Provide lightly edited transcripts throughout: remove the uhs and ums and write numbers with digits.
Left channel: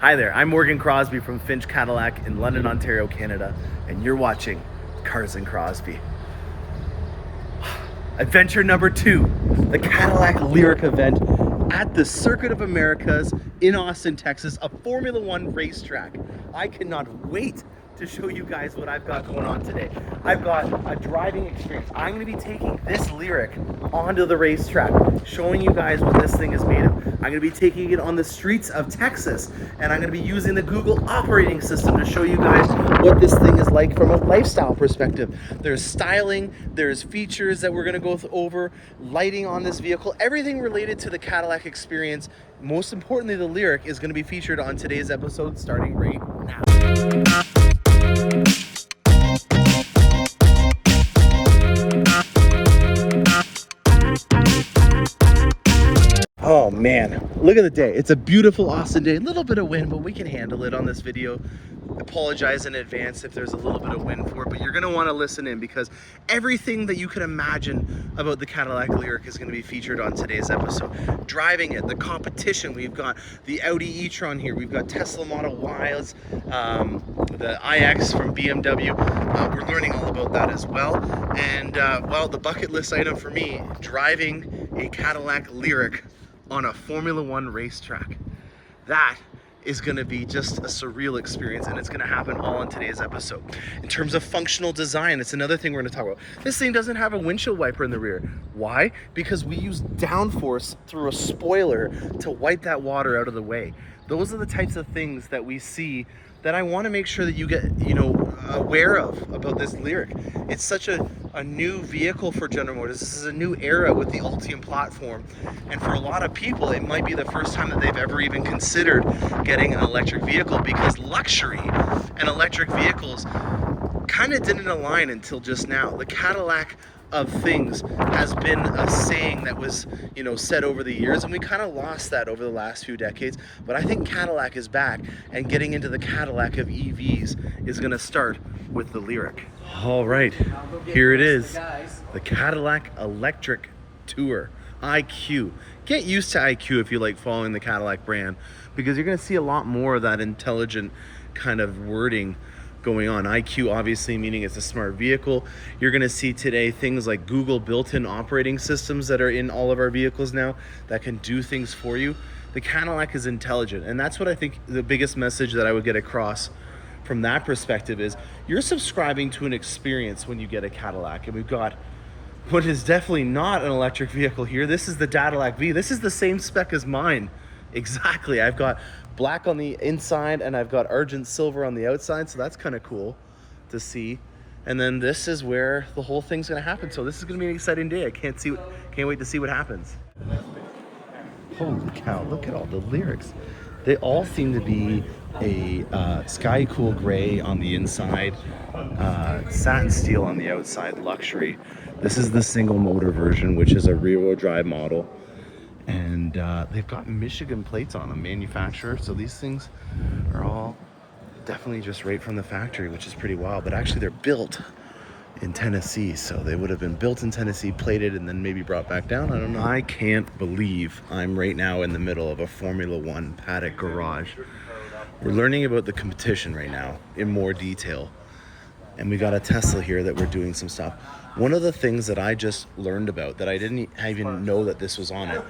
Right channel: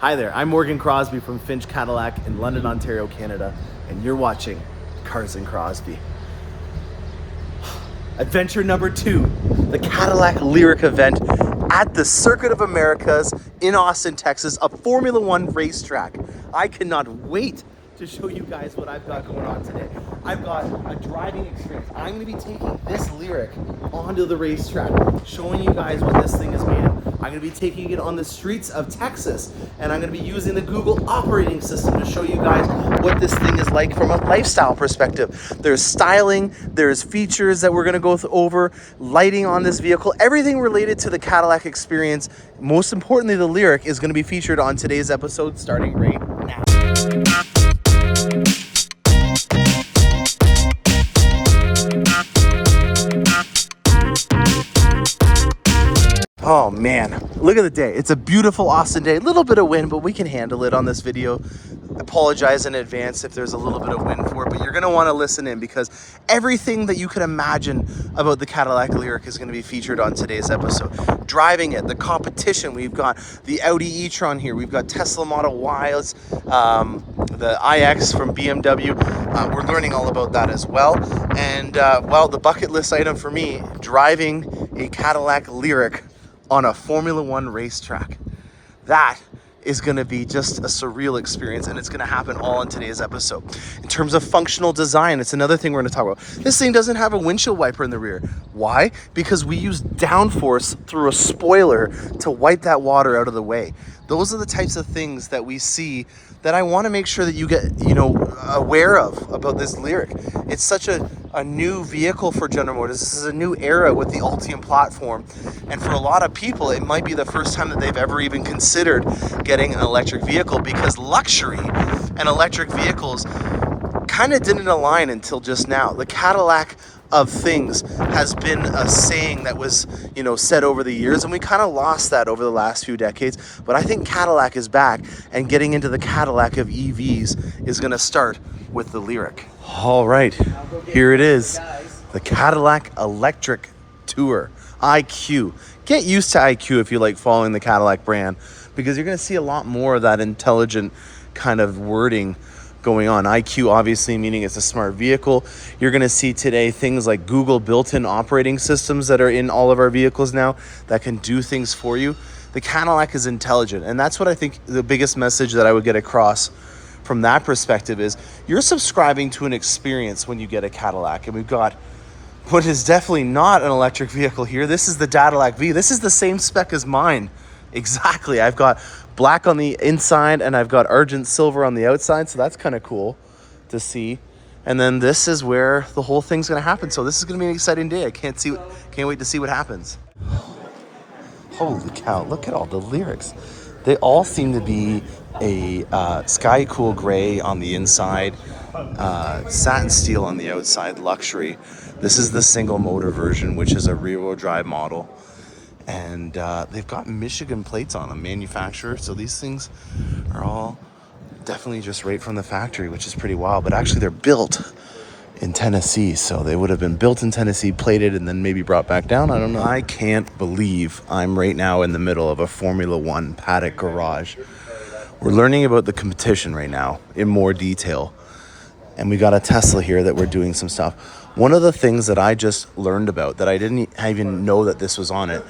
Hi there, I'm Morgan Crosby from Finch Cadillac in London, Ontario, Canada, and you're watching Cars and Crosby. Adventure number 2, the Cadillac Lyriq event at the Circuit of Americas in Austin, Texas, a Formula One racetrack. I cannot wait to show you guys what I've got going on today. I've got a driving experience. I'm going to be taking this Lyriq onto the racetrack, showing you guys what this thing is made of. I'm going to be taking it on the streets of Texas, and I'm going to be using the Google operating system to show you guys what this thing is like from a lifestyle perspective. There's styling, there's features that we're going to go over, lighting on this vehicle, everything related to the Cadillac experience. Most importantly, the Lyriq is going to be featured on today's episode starting right now. Oh man, look at the day. It's a beautiful Austin day. A little bit of wind, but we can handle it on this video. I apologize in advance if there's a little bit of wind for it, but you're gonna wanna listen in because everything that you can imagine about the Cadillac Lyriq is gonna be featured on today's episode. Driving it, the competition, we've got the Audi e-tron here, we've got Tesla Model Ys, the iX from BMW. We're learning all about that as well. And well, the bucket list item for me, driving a Cadillac Lyriq on a Formula One racetrack. That is gonna be just a surreal experience, and it's gonna happen all in today's episode. In terms of functional design, it's another thing we're gonna talk about. This thing doesn't have a windshield wiper in the rear. Why? Because we use downforce through a spoiler to wipe that water out of the way. Those are the types of things that we see that I want to make sure that you get, aware of about this Lyriq. It's such a new vehicle for General Motors. This is a new era with the Ultium platform. And for a lot of people, it might be the first time that they've ever even considered getting an electric vehicle, because luxury and electric vehicles kind of didn't align until just now. The Cadillac of things has been a saying that was, said over the years, and we kind of lost that over the last few decades. But I think Cadillac is back, and getting into the Cadillac of EVs is going to start with the Lyriq. All right, here it is, the Cadillac Electric Tour IQ. Get used to IQ if you like following the Cadillac brand, because you're going to see a lot more of that intelligent kind of wording going on. IQ obviously meaning it's a smart vehicle. You're going to see today things like Google built-in operating systems that are in all of our vehicles now that can do things for you. The Cadillac is intelligent, and that's what I think the biggest message that I would get across from that perspective is you're subscribing to an experience when you get a Cadillac. And we've got what is definitely not an electric vehicle here. This is the Cadillac V. This is the same spec as mine. Exactly. I've got black on the inside and I've got argent silver on the outside, so that's kind of cool to see. And then this is where the whole thing's going to happen. So this is going to be an exciting day. I can't wait to see what happens. Holy cow, look at all the Lyriqs. They all seem to be a sky cool gray on the inside, satin steel on the outside, luxury. This is the single motor version, which is a rear-wheel drive model. And they've got Michigan plates on them, manufacturer. So these things are all definitely just right from the factory, which is pretty wild. But actually they're built in Tennessee. So they would have been built in Tennessee, plated, and then maybe brought back down. I don't know. I can't believe I'm right now in the middle of a Formula One paddock garage. We're learning about the competition right now in more detail. And we got a Tesla here that we're doing some stuff. One of the things that I just learned about that I didn't even know that this was on it,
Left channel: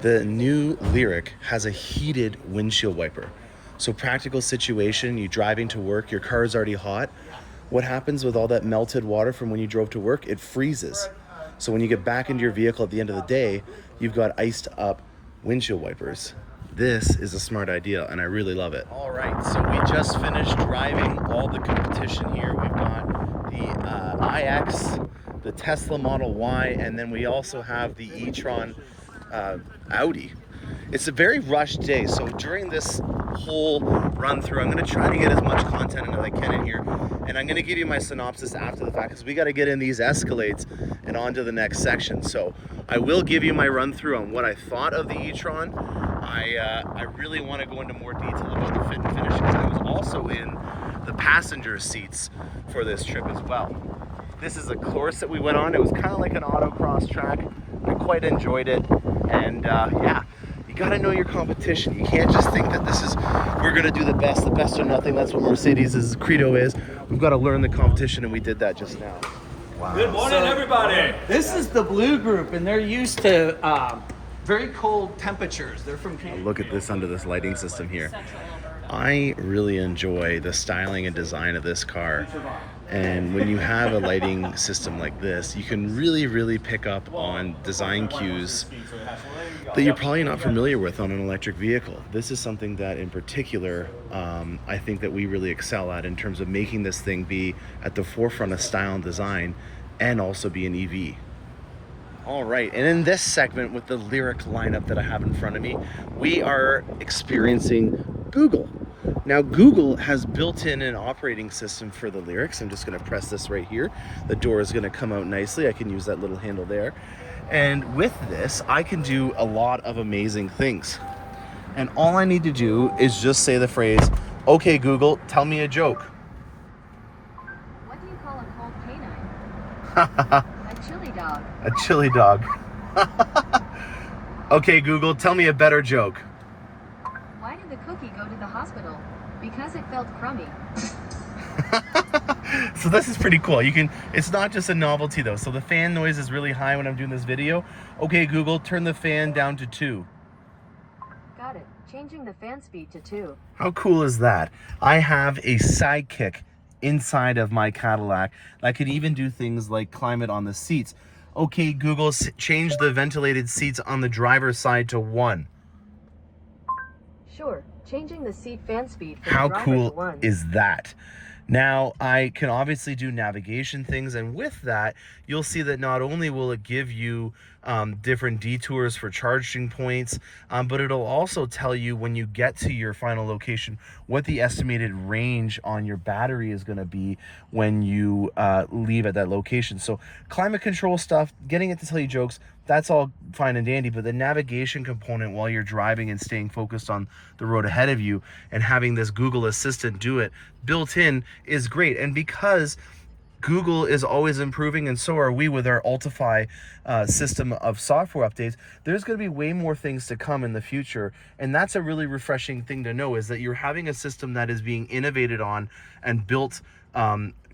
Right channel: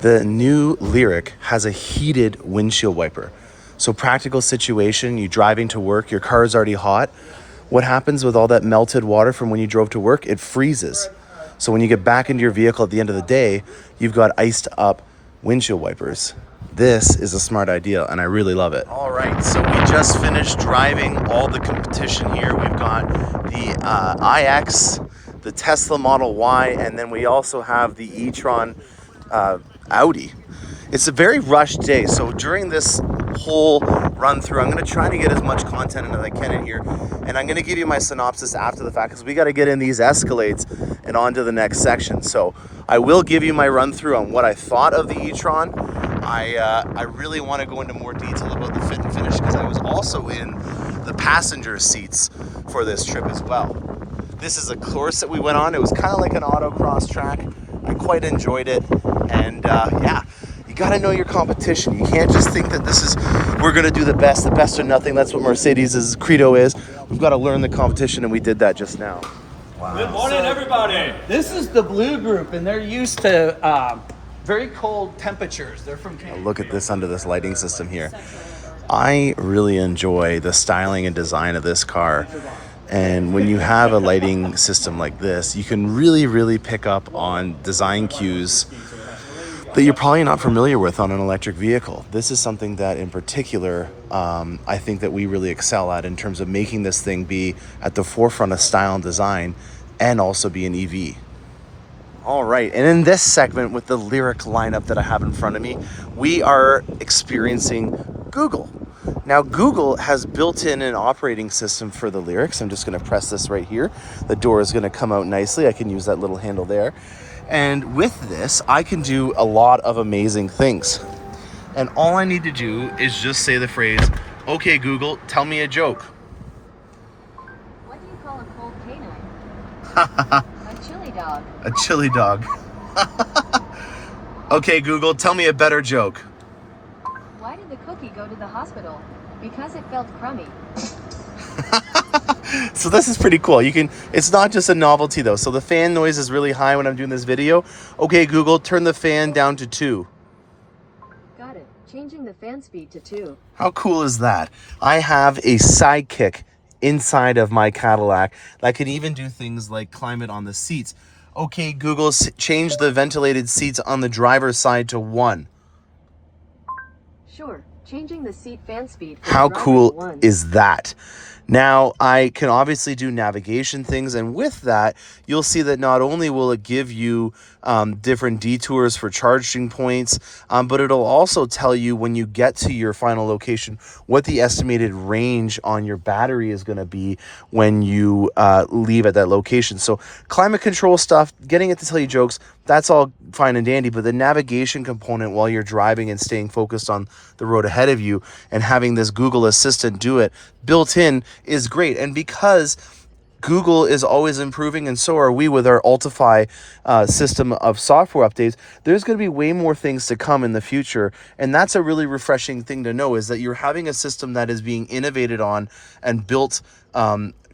the new Lyriq has a heated windshield wiper. So practical situation, you driving to work, your car is already hot. What happens with all that melted water from when you drove to work? It freezes. So when you get back into your vehicle at the end of the day, you've got iced up windshield wipers. This is a smart idea, and I really love it. All right, so we just finished driving all the competition here. We've got the iX, the Tesla Model Y, and then we also have the e-tron Audi. It's a very rushed day, so during this whole run through, I'm going to try to get as much content as I can in here, and I'm going to give you my synopsis after the fact, because we got to get in these Escalades and on to the next section. So I will give you my run through on what I thought of the e-tron. I really want to go into more detail about the fit and finish, because I was also in the passenger seats for this trip as well. This is a course that we went on. It was kind of like an autocross track. I quite enjoyed it, and yeah, you got to know your competition. You can't just think that this is we're gonna do the best or nothing. That's what Mercedes' credo is. We've got to learn the competition, and we did that just now. Wow. Good morning, everybody. This is the Blue Group, and they're used to very cold temperatures. They're from Canada. Look at this under this lighting system here. I really enjoy the styling and design of this car. And when you have a lighting system like this, you can really pick up on design cues that you're probably not familiar with on an electric vehicle. This is something that in particular, I think that we really excel at in terms of making this thing be at the forefront of style and design and also be an EV. All right, and in this segment with the Lyriq lineup that I have in front of me, we are experiencing Google. Now, Google has built in an operating system for the Lyriq. So I'm just gonna press this right here. The door is gonna come out nicely. I can use that little handle there. And with this, I can do a lot of amazing things. And all I need to do is just say the phrase, okay, Google, tell me a joke. What do you call a cold canine? A chili dog. A chili dog. Okay, Google, tell me a better joke. Why did the cookie go to the hospital? Because it felt crummy. So this is pretty cool. It's not just a novelty though. So the fan noise is really high when I'm doing this video. Okay, Google, turn the fan down to 2. Got it. Changing the fan speed to 2. How cool is that? I have a sidekick inside of my Cadillac that can even do things like climate on the seats. Okay, Google, change the ventilated seats on the driver's side to 1. Sure. Changing the seat fan speed for How the driver cool to 1. is that? Now, I can obviously do navigation things, and with that, you'll see that not only will it give you different detours for charging points, but it'll also tell you when you get to your final location what the estimated range on your battery is going to be when you leave at that location. So climate control stuff, getting it to tell you jokes, that's all fine and dandy, but the navigation component while you're driving and staying focused on the road ahead of you and having this Google Assistant do it built in is great. And because Google is always improving, and so are we with our Ultify system of software updates, there's going to be way more things to come in the future. And that's a really refreshing thing to know, is that you're having a system that is being innovated on and built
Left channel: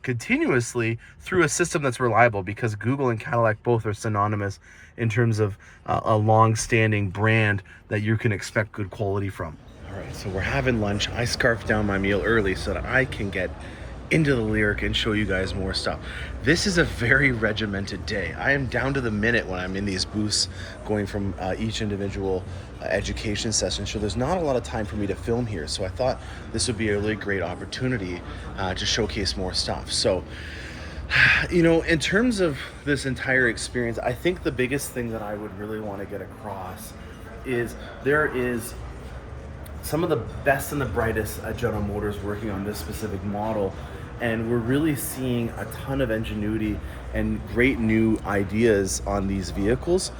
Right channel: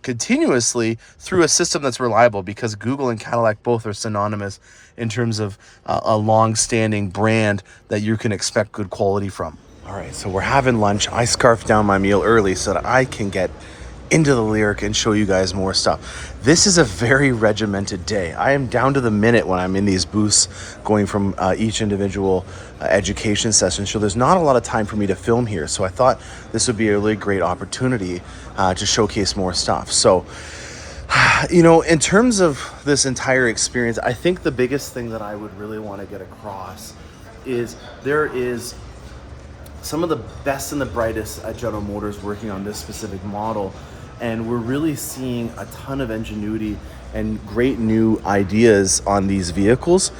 continuously through a system that's reliable, because Google and Cadillac both are synonymous in terms of a long-standing brand that you can expect good quality from. All right, so we're having lunch. I scarfed down my meal early so that I can get into the Lyriq and show you guys more stuff. This is a very regimented day. I am down to the minute when I'm in these booths going from each individual education session. So there's not a lot of time for me to film here. So I thought this would be a really great opportunity to showcase more stuff. So, you know, in terms of this entire experience, I think the biggest thing that I would really want to get across is there is some of the best and the brightest at General Motors working on this specific model. And we're really seeing a ton of ingenuity and great new ideas on these vehicles.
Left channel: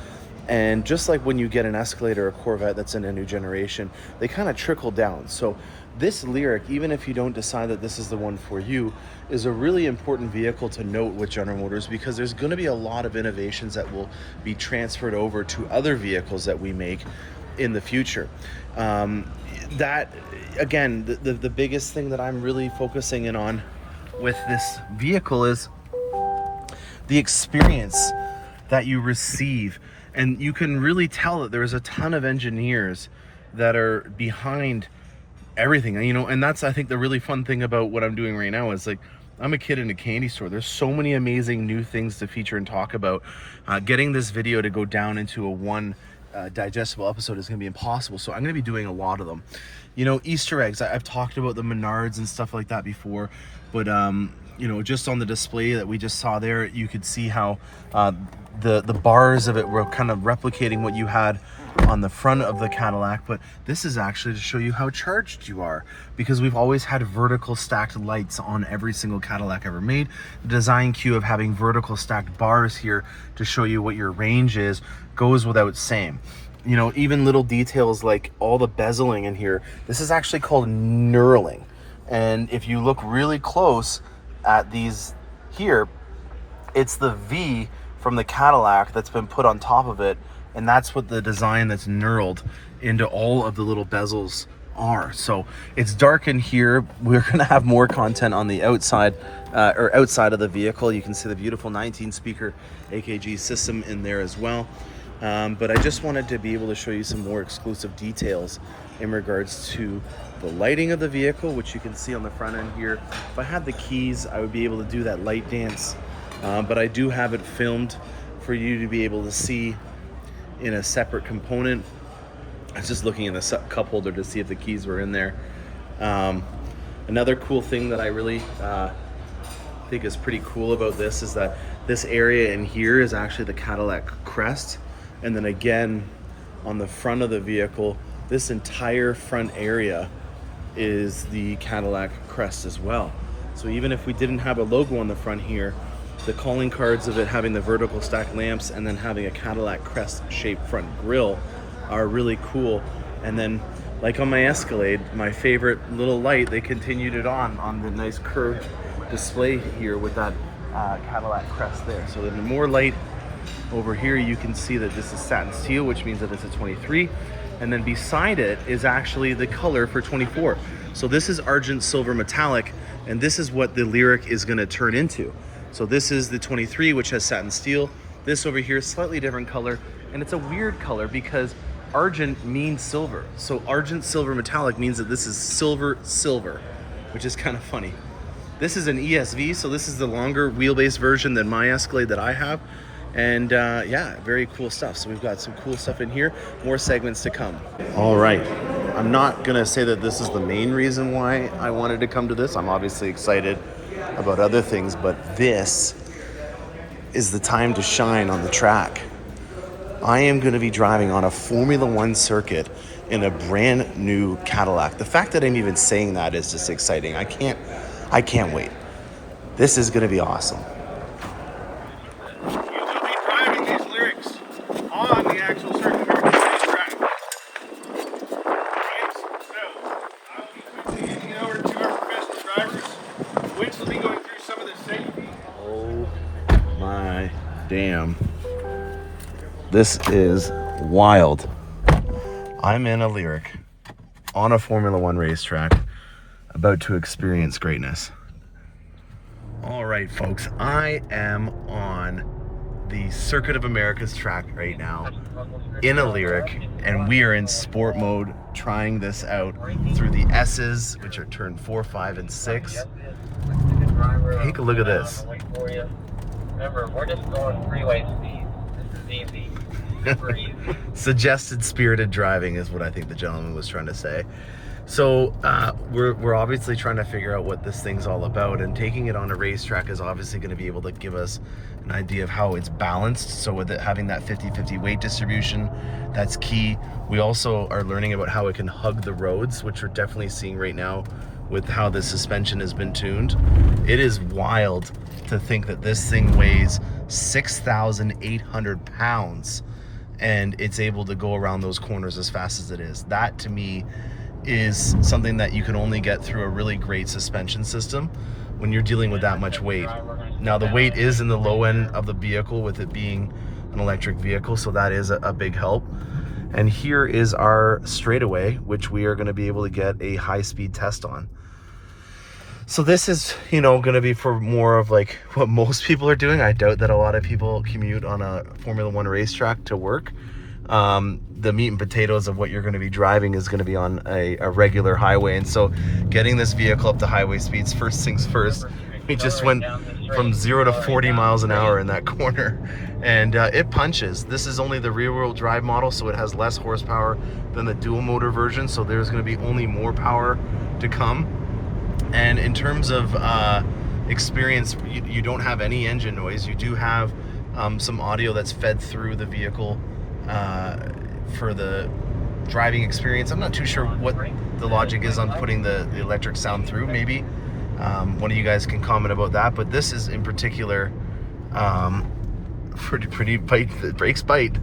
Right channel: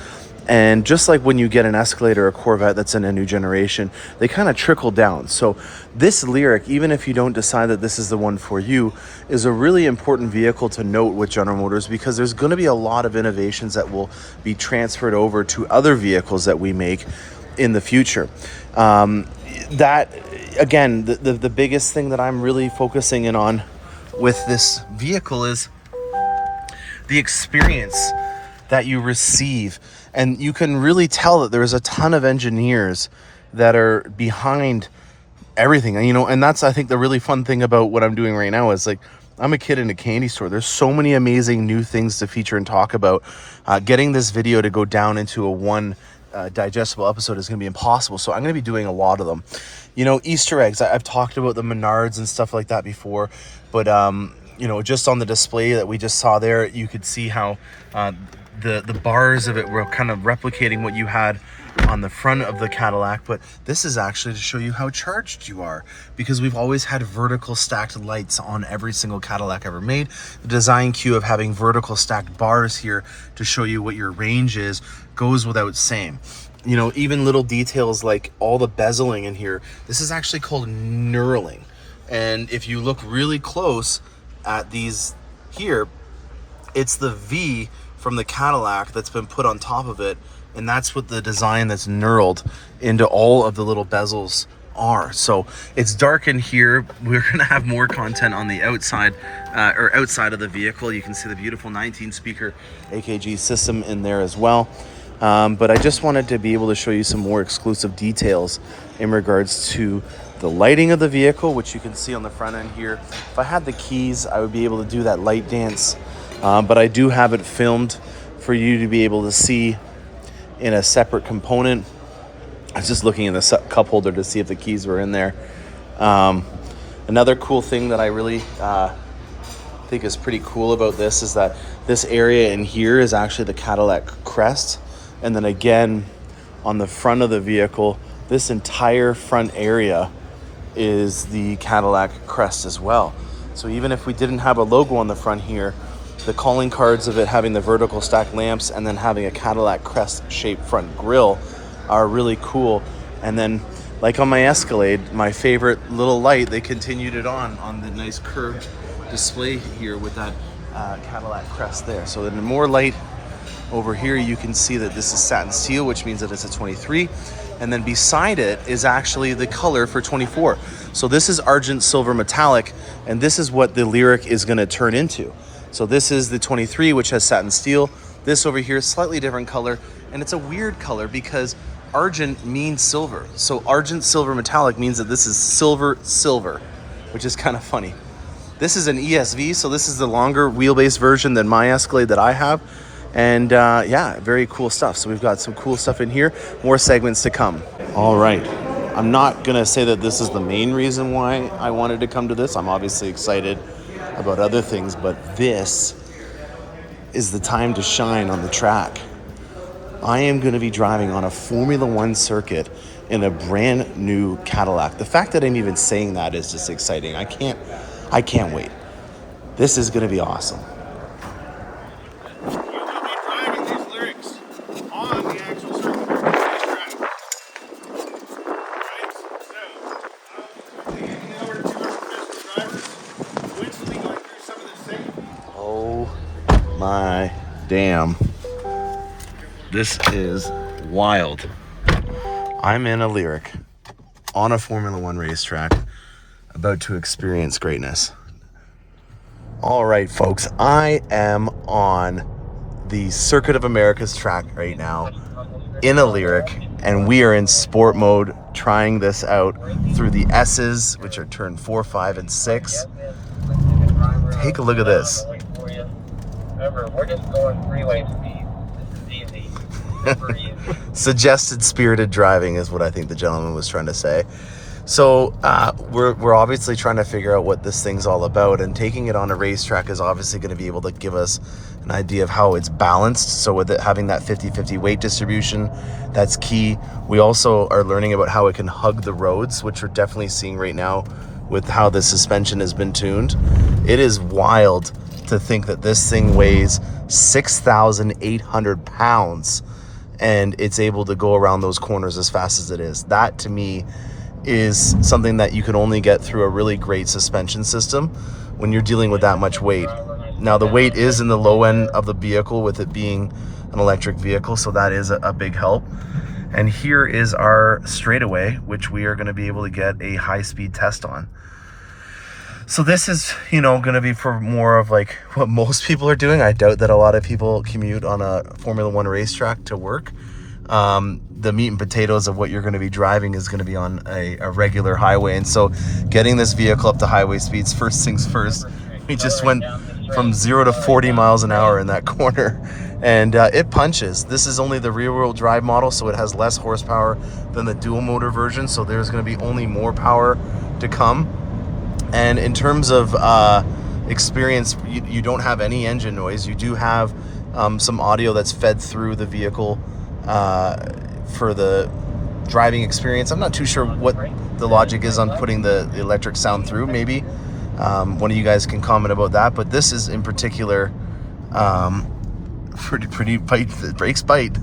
And just like when you get an Escalade or a Corvette that's in a new generation, they kind of trickle down. So this Lyriq, even if you don't decide that this is the one for you, is a really important vehicle to note with General Motors, because there's going to be a lot of innovations that will be transferred over to other vehicles that we make in the future. That, again, the biggest thing that I'm really focusing in on with this vehicle is the experience that you receive. And you can really tell that there's a ton of engineers that are behind everything. And, you know, and that's, I think, the really fun thing about what I'm doing right now is, like, I'm a kid in a candy store. There's so many amazing new things to feature and talk about. Getting this video to go down into a one digestible episode is going to be impossible. So I'm going to be doing a lot of them. You know, Easter eggs. I've talked about the Menards and stuff like that before, but you know, just on the display that we just saw there, you could see how the bars of it were kind of replicating what you had on the front of the Cadillac. But this is actually to show you how charged you are, because we've always had vertical stacked lights on every single Cadillac ever made. The design cue of having vertical stacked bars here to show you what your range is goes without saying. You know, even little details like all the bezeling in here, this is actually called knurling. And if you look really close at these here, it's the V from the Cadillac that's been put on top of it. And that's what the design that's knurled into all of the little bezels are. So it's dark in here. We're gonna have more content on the outside or outside of the vehicle. You can see the beautiful 19 speaker AKG system in there as well. But I just wanted to be able to show you some more exclusive details in regards to the lighting of the vehicle, which you can see on the front end here. If I had the keys, I would be able to do that light dance, but I do have it filmed for you to be able to see in a separate component. I was just looking in the cup holder to see if the keys were in there. Another cool thing that I really think is pretty cool about this is that this area in here is actually the Cadillac crest. And then again, on the front of the vehicle, this entire front area is the Cadillac crest as well. So even if we didn't have a logo on the front here, the calling cards of it having the vertical stack lamps and then having a Cadillac crest shaped front grille are really cool. And then like on my Escalade, my favorite little light, they continued it on the nice curved display here with that Cadillac crest there. So then more light over here, you can see that this is satin steel, which means that it's a 23. And then beside it is actually the color for 24. So this is argent silver metallic, and this is what the Lyriq is gonna turn into. So this is the 23, which has satin steel. This over here is slightly different color, and it's a weird color because argent means silver. So argent silver metallic means that this is silver, which is kind of funny. This is an ESV, so this is the longer wheelbase version than my Escalade that I have. And yeah, very cool stuff. So we've got some cool stuff in here, more segments to come. All right, I'm not gonna say that this is the main reason why I wanted to come to this. I'm obviously excited about other things, but this is the time to shine on the track. I am gonna be driving on a Formula One circuit in a brand new Cadillac. The fact that I'm even saying that is just exciting. I can't wait. This is gonna be awesome. On the actual circuit track. Right? So, I'll be handing over to our professional drivers, which will be going through some of the safety. Oh my damn. This is wild. I'm in a Lyriq on a Formula One racetrack, about to experience greatness. All right, folks, I am on the Circuit of America's track right now in a Lyriq, and we are in sport mode trying this out through the S's, which are turn 4, 5, and 6. Take a look at this. Remember, we're just going freeway speed. This is easy. Super easy. Suggested spirited driving is what I think the gentleman was trying to say. So we're obviously trying to figure out what this thing's all about, and taking it on a racetrack is obviously going to be able to give us an idea of how it's balanced. So with it having that 50-50 weight distribution, that's key. We also are learning about how it can hug the roads, which we're definitely seeing right now with how the suspension has been tuned. It is wild to think that this thing weighs 6,800 pounds and it's able to go around those corners as fast as it is. That to me is something that you can only get through a really great suspension system when you're dealing with that much weight. Now the weight is in the low end of the vehicle with it being an electric vehicle, so that is a big help. And here is our straightaway, which we are going to be able to get a high-speed test on. So this is, going to be for more of like what most people are doing. I doubt that a lot of people commute on a Formula One racetrack to work. The meat and potatoes of what you're going to be driving is going to be on a regular highway. And so getting this vehicle up to highway speeds, first things first, we just went from 0 to 40 miles an hour in that corner, and it punches. This is only the rear wheel drive model, so it has less horsepower than the dual motor version. So there's going to be only more power to come. And in terms of experience, you don't have any engine noise. You do have some audio that's fed through the vehicle for the driving experience. I'm not too sure what the logic is on putting the electric sound through. Maybe one of you guys can comment about that, but this is in particular pretty bite. The brakes bite.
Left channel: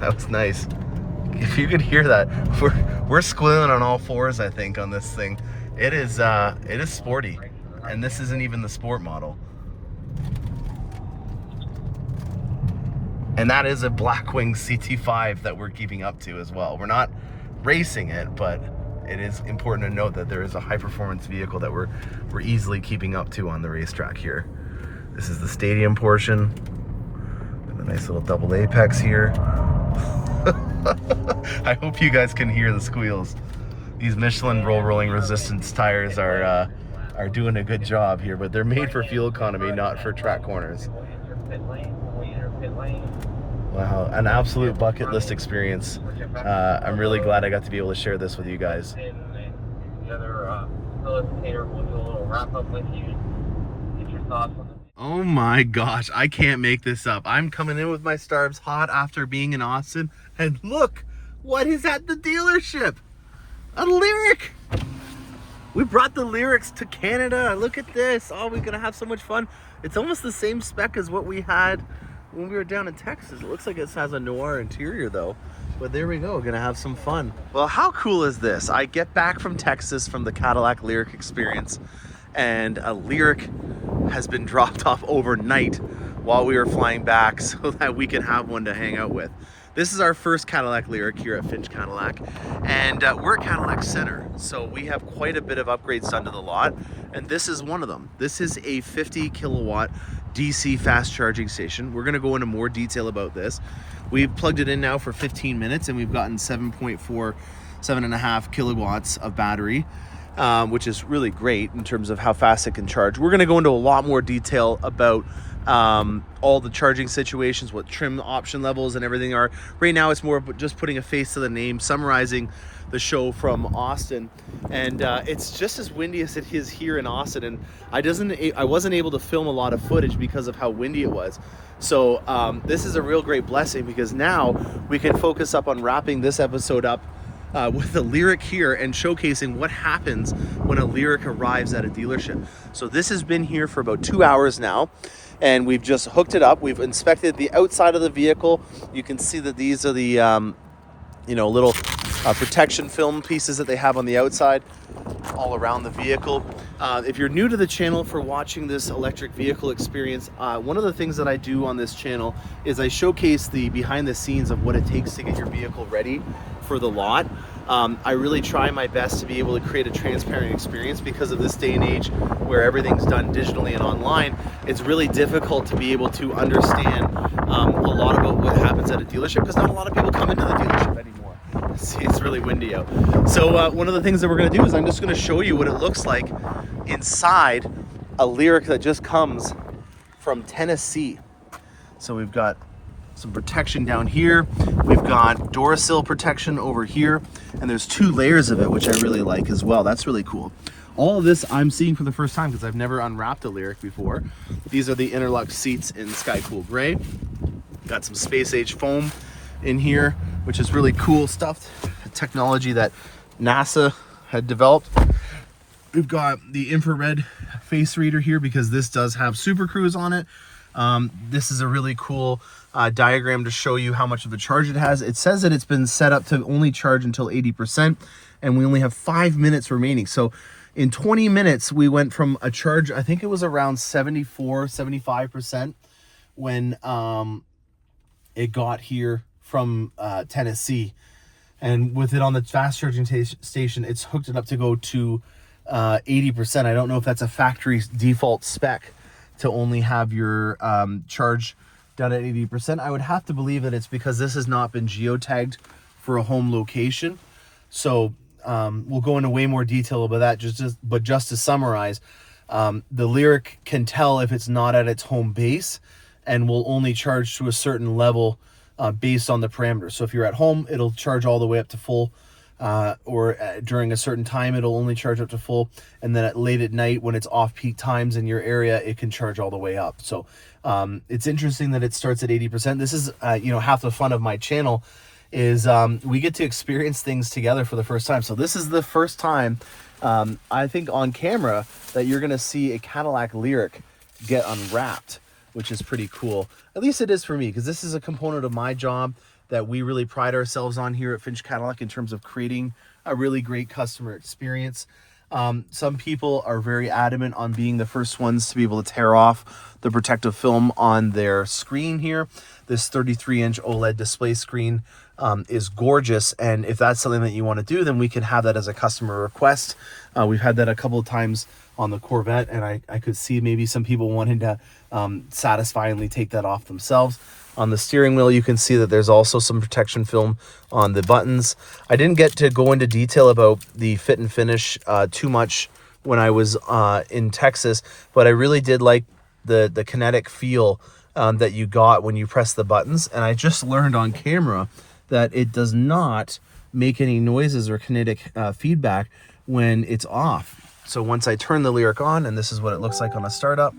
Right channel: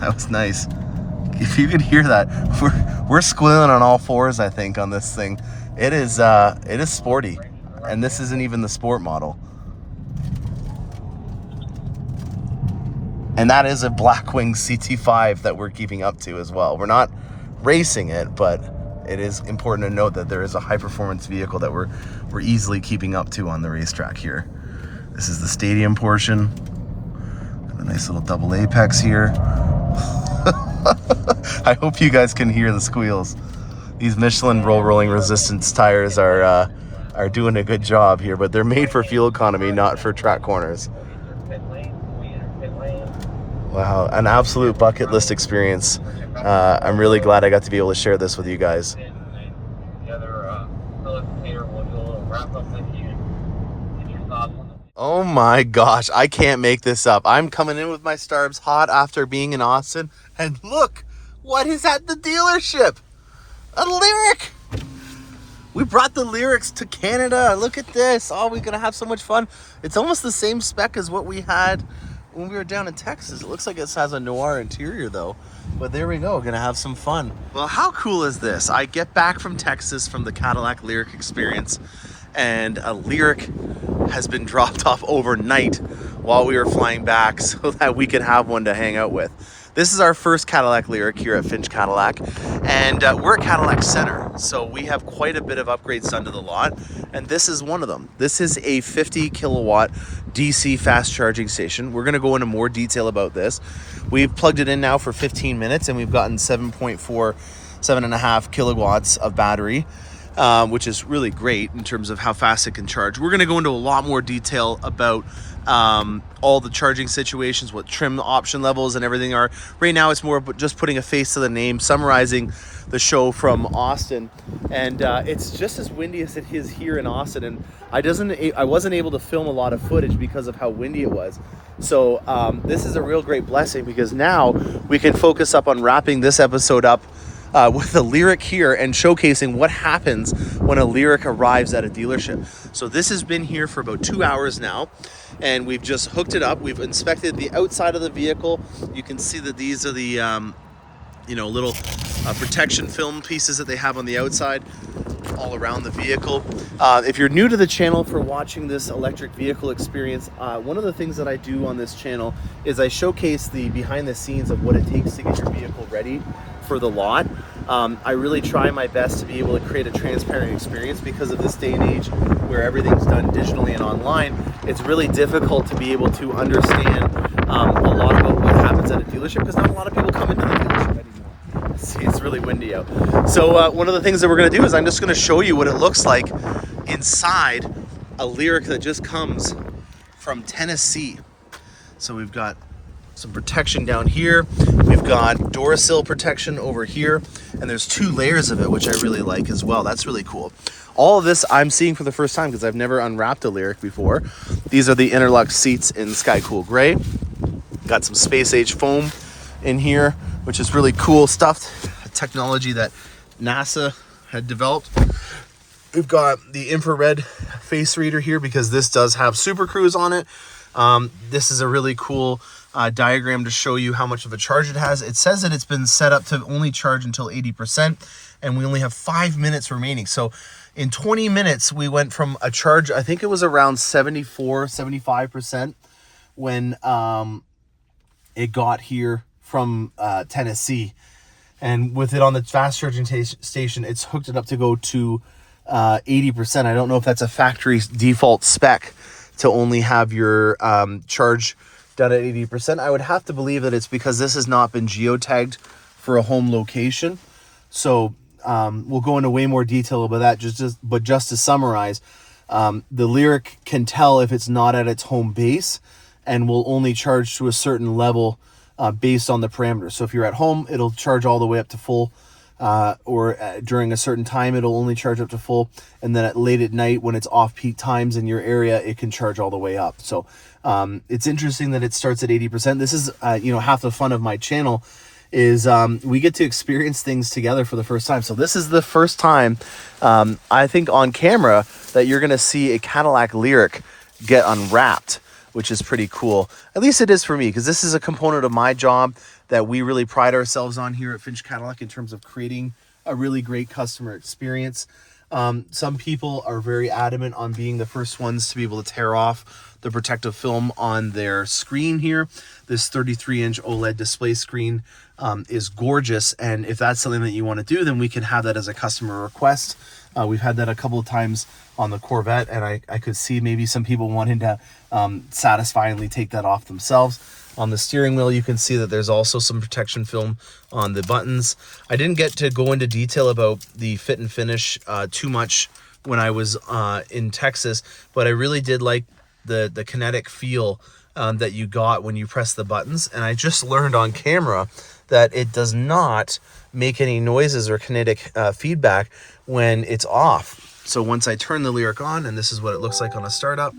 That was nice. If you could hear that, we're squealing on all fours, I think, on this thing. It is sporty, and this isn't even the sport model. And that is a Blackwing CT5 that we're keeping up to as well. We're not racing it, but it is important to note that there is a high performance vehicle that we're easily keeping up to on the racetrack here. This is the stadium portion. And a nice little double apex here. I hope you guys can hear the squeals. These Michelin rolling resistance tires are doing a good job here, but they're made for fuel economy, not for track corners. Wow, an absolute bucket list experience. I'm really glad I got to be able to share this with you guys. The other facilitator will do a little wrap up with you and get your thoughts on the. Oh my gosh, I can't make this up. I'm coming in with my Starbs hot after being in Austin, and look what is at the dealership. A Lyriq. We brought the Lyriqs to Canada. Look at this. Oh, we're gonna have so much fun. It's almost the same spec as what we had when we were down in Texas. It looks like it has a noir interior though, but there we go, gonna have some fun. Well, how cool is this? I get back from Texas from the Cadillac Lyriq experience, and a Lyriq has been dropped off overnight while we were flying back so that we could have one to hang out with. This is our first Cadillac Lyriq here at Finch Cadillac, and we're at Cadillac Center, so we have quite a bit of upgrades done to the lot, and this is one of them. This is a 50 kilowatt DC fast charging station. We're gonna go into more detail about this. We've plugged it in now for 15 minutes, and we've gotten 7.5 kilowatts of battery, which is really great in terms of how fast it can charge. We're gonna go into a lot more detail about all the charging situations, what trim option levels and everything are. Right now it's more just putting a face to the name, summarizing the show from Austin, and it's just as windy as it is here in Austin, and I wasn't able to film a lot of footage because of how windy it was. So this is a real great blessing, because now we can focus up on wrapping this episode up with a Lyriq here and showcasing what happens when a Lyriq arrives at a dealership. So this has been here for about 2 hours now, and we've just hooked it up. We've inspected the outside of the vehicle. You can see that these are the little protection film pieces that they have on the outside all around the vehicle. If you're new to the channel for watching this electric vehicle experience, one of the things that I do on this channel is I showcase the behind the scenes of what it takes to get your vehicle ready for the lot. I really try my best to be able to create a transparent experience, because of this day and age where everything's done digitally and online. It's really difficult to be able to understand a lot about what happens at a dealership, because not a lot of people come into the dealership anymore. See, it's really windy out. So one of the things that we're going to do is I'm just going to show you what it looks like inside a Lyriq that just comes from Tennessee. So we've got some protection down here. We've got Duracell protection over here, and there's 2 layers of it, which I really like as well. That's really cool. All of this I'm seeing for the first time because I've never unwrapped a Lyriq before. These are the interlock seats in Sky Cool Gray. Got some space age foam in here, which is really cool stuff, technology that NASA had developed. We've got the infrared face reader here because this does have Super Cruise on it. This is a really cool diagram to show you how much of a charge it has. It says that it's been set up to only charge until 80%, and we only have 5 minutes remaining. So in 20 minutes, we went from a charge, I think it was around 75% when it got here from Tennessee. And with it on the fast charging station, it's hooked it up to go to 80%. I don't know if that's a factory default spec to only have your charge done at 80%. I would have to believe that it's because this has not been geotagged for a home location. So we'll go into way more detail about that. But just to summarize, the Lyriq can tell if it's not at its home base and will only charge to a certain level based on the parameters. So if you're at home, it'll charge all the way up to full, or during a certain time, it'll only charge up to full. And then late at night, when it's off peak times in your area, it can charge all the way up. So it's interesting that it starts at 80%. This is, half the fun of my channel is we get to experience things together for the first time. So this is the first time, I think on camera, that you're going to see a Cadillac Lyriq get unwrapped, which is pretty cool. At least it is for me, because this is a component of my job that we really pride ourselves on here at Finch Cadillac in terms of creating a really great customer experience. Some people are very adamant on being the first ones to be able to tear off the protective film on their screen here. This 33-inch OLED display screen is gorgeous. And if that's something that you want to do, then we can have that as a customer request. We've had that a couple of times on the Corvette, and I could see maybe some people wanting to satisfyingly take that off themselves. On the steering wheel, you can see that there's also some protection film on the buttons. I didn't get to go into detail about the fit and finish too much when I was in Texas, but I really did like the kinetic feel that you got when you press the buttons. And I just learned on camera that it does not make any noises or kinetic feedback when it's off. So once I turn the Lyriq on, and this is what it looks like on a startup,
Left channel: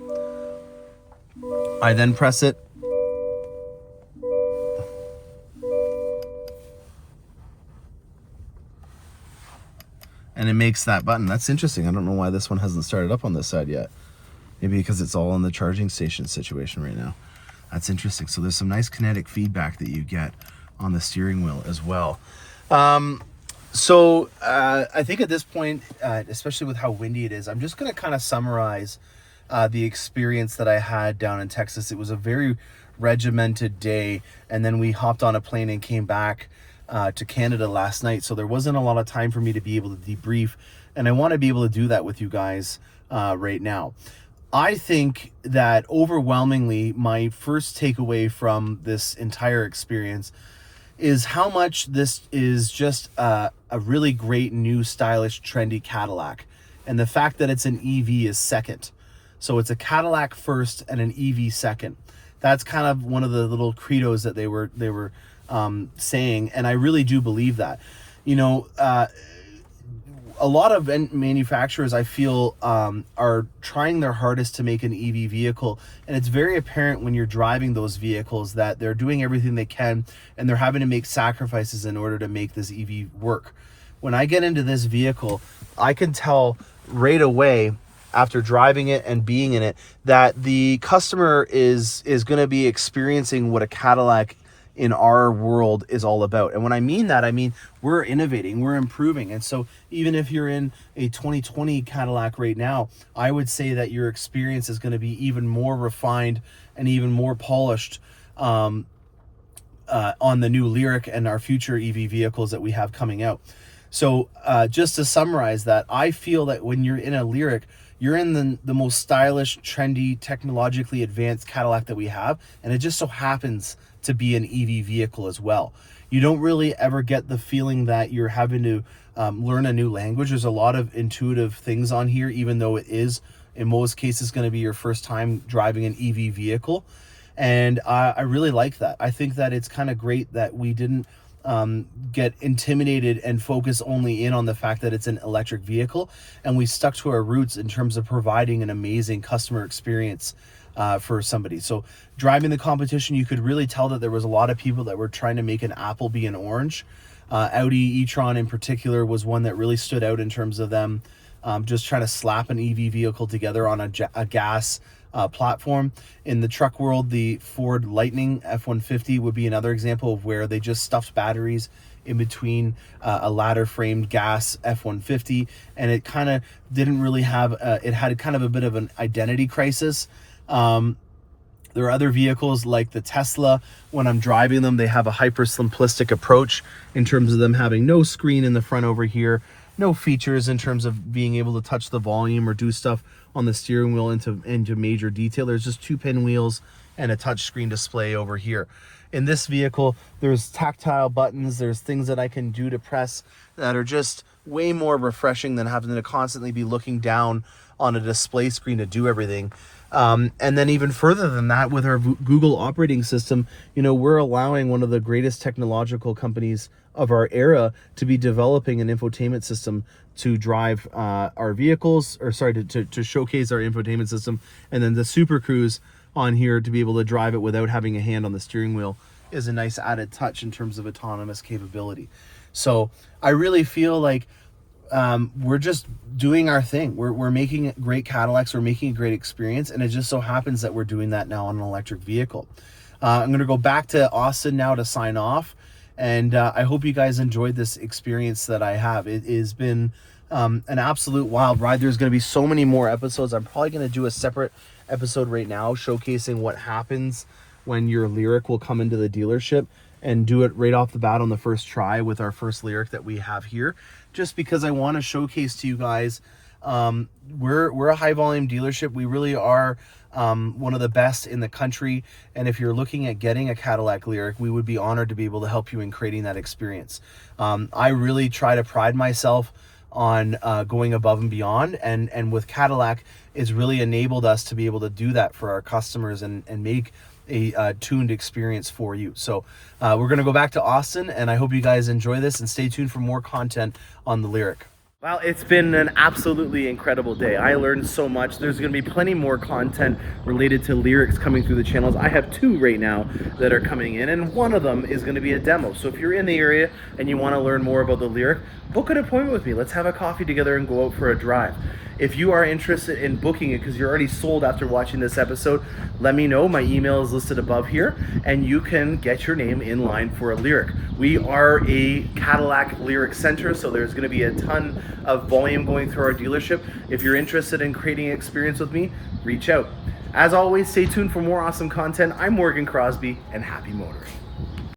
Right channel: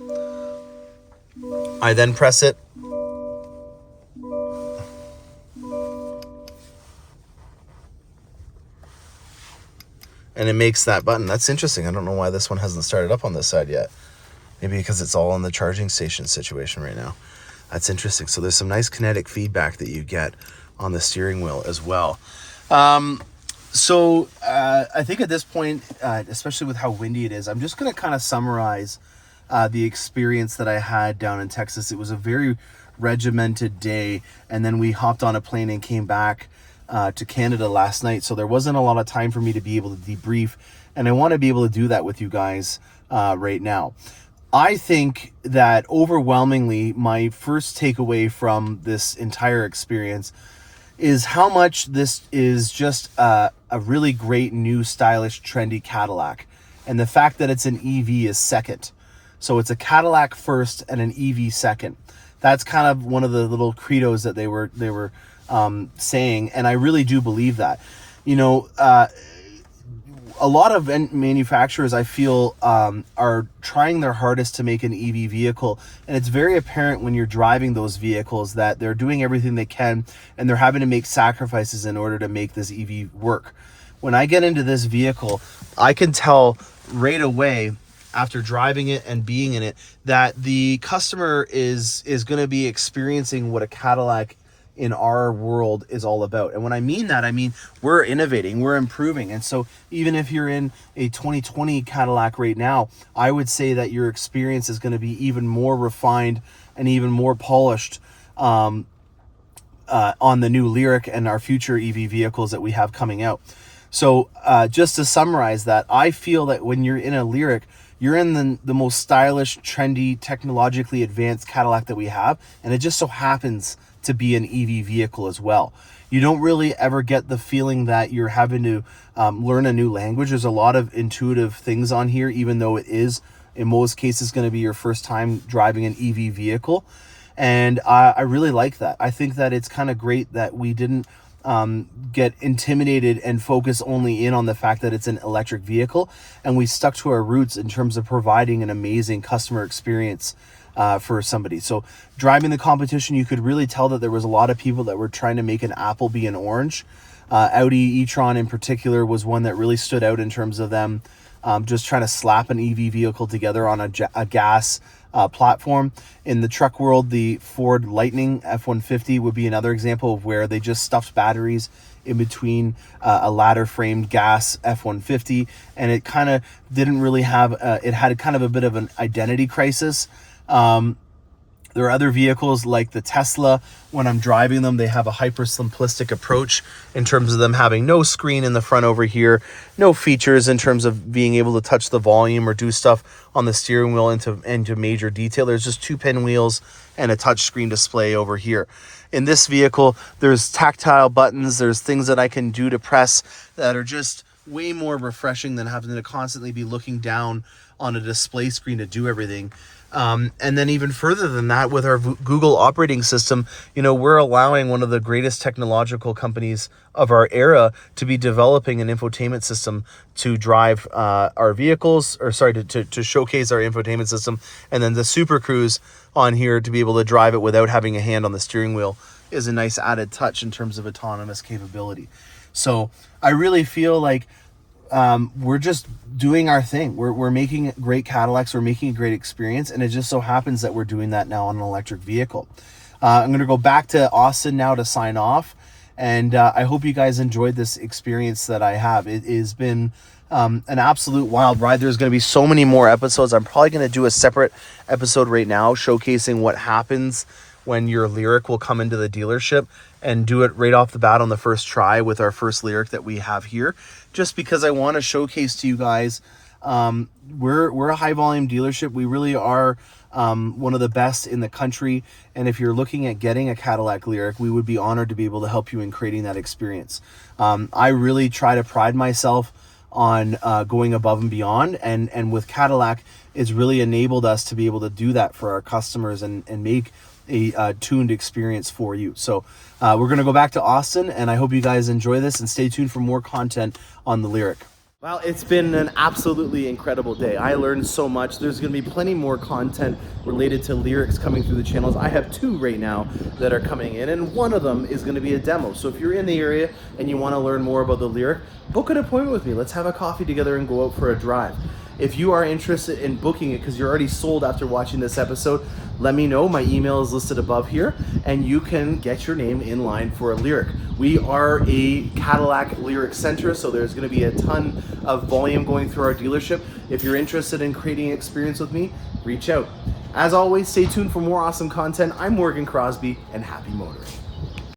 I then press it. And it makes that button. That's interesting. I don't know why this one hasn't started up on this side yet. Maybe because it's all in the charging station situation right now. That's interesting. So there's some nice kinetic feedback that you get on the steering wheel as well. I think at this point, especially with how windy it is, I'm just going to kind of summarize the experience that I had down in Texas. It was a very regimented day, and then we hopped on a plane and came back to Canada last night. So there wasn't a lot of time for me to be able to debrief, and I want to be able to do that with you guys right now. I think that overwhelmingly, my first takeaway from this entire experience is how much this is just a really great, new, stylish, trendy Cadillac. And the fact that it's an EV is second. So it's a Cadillac first and an EV second. That's kind of one of the little credos that they were saying, and I really do believe that. A lot of manufacturers, I feel, are trying their hardest to make an EV vehicle, and it's very apparent when you're driving those vehicles that they're doing everything they can, and they're having to make sacrifices in order to make this EV work. When I get into this vehicle, I can tell right away after driving it and being in it that the customer is going to be experiencing what a Cadillac in our world is all about. And when I mean that, I mean we're innovating, we're improving. And so even if you're in a 2020 Cadillac right now, I would say that your experience is going to be even more refined and even more polished on the new Lyriq and our future EV vehicles that we have coming out. So just to summarize that, I feel that when you're in a Lyriq, you're in the most stylish, trendy, technologically advanced Cadillac that we have, and it just so happens to be an EV vehicle as well. You don't really ever get the feeling that you're having to learn a new language. There's a lot of intuitive things on here, even though it is, in most cases, going to be your first time driving an EV vehicle. And I really like that. I think that it's kind of great that we didn't get intimidated and focus only in on the fact that it's an electric vehicle, and we stuck to our roots in terms of providing an amazing customer experience for somebody. So driving the competition, you could really tell that there was a lot of people that were trying to make an apple be an orange. Audi e-tron in particular was one that really stood out in terms of them just trying to slap an EV vehicle together on a gas platform. In the truck world, the Ford Lightning F-150 would be another example of where they just stuffed batteries in between a ladder framed gas F-150, and it kind of didn't really have it had kind of a bit of an identity crisis. There are other vehicles like the Tesla. When I'm driving them, they have a hyper simplistic approach in terms of them having no screen in the front over here, no features in terms of being able to touch the volume or do stuff on the steering wheel into major detail. There's just 2 pinwheels and a touch screen display over here. In this vehicle, there's tactile buttons. There's things that I can do to press that are just way more refreshing than having to constantly be looking down on a display screen to do everything. And then even further than that, with our Google operating system, we're allowing one of the greatest technological companies of our era to be developing an infotainment system to drive our vehicles, or sorry, to showcase our infotainment system. And then the Super Cruise on here to be able to drive it without having a hand on the steering wheel is a nice added touch in terms of autonomous capability. So I really feel like we're just doing our thing. We're making great Cadillacs. We're making a great experience. And it just so happens that we're doing that now on an electric vehicle. I'm going to go back to Austin now to sign off. And I hope you guys enjoyed this experience that I have. It has been an absolute wild ride. There's going to be so many more episodes. I'm probably going to do a separate episode right now showcasing what happens when your Lyriq will come into the dealership and do it right off the bat on the first try with our first Lyriq that we have here, just because I want to showcase to you guys, we're a high volume dealership. We really are one of the best in the country, and if you're looking at getting a Cadillac Lyriq, we would be honored to be able to help you in creating that experience. I really try to pride myself on going above and beyond, and with Cadillac, it's really enabled us to be able to do that for our customers and make a tuned experience for you. So we're going to go back to Austin, and I hope you guys enjoy this, and stay tuned for more content on the Lyriq. Well, it's been an absolutely incredible day. I learned so much. There's going to be plenty more content related to Lyriqs coming through the channels. I have 2 right now that are coming in, and one of them is going to be a demo. So if you're in the area and you want to learn more about the Lyriq, book an appointment with me. Let's have a coffee together and go out for a drive. If you are interested in booking it because you're already sold after watching this episode, let me know. My email is listed above here, and you can get your name in line for a Lyriq. We are a Cadillac Lyriq center, so there's going to be a ton of volume going through our dealership. If you're interested in creating an experience with me, reach out. As always, stay tuned for more awesome content. I'm Morgan Crosby, and happy motoring.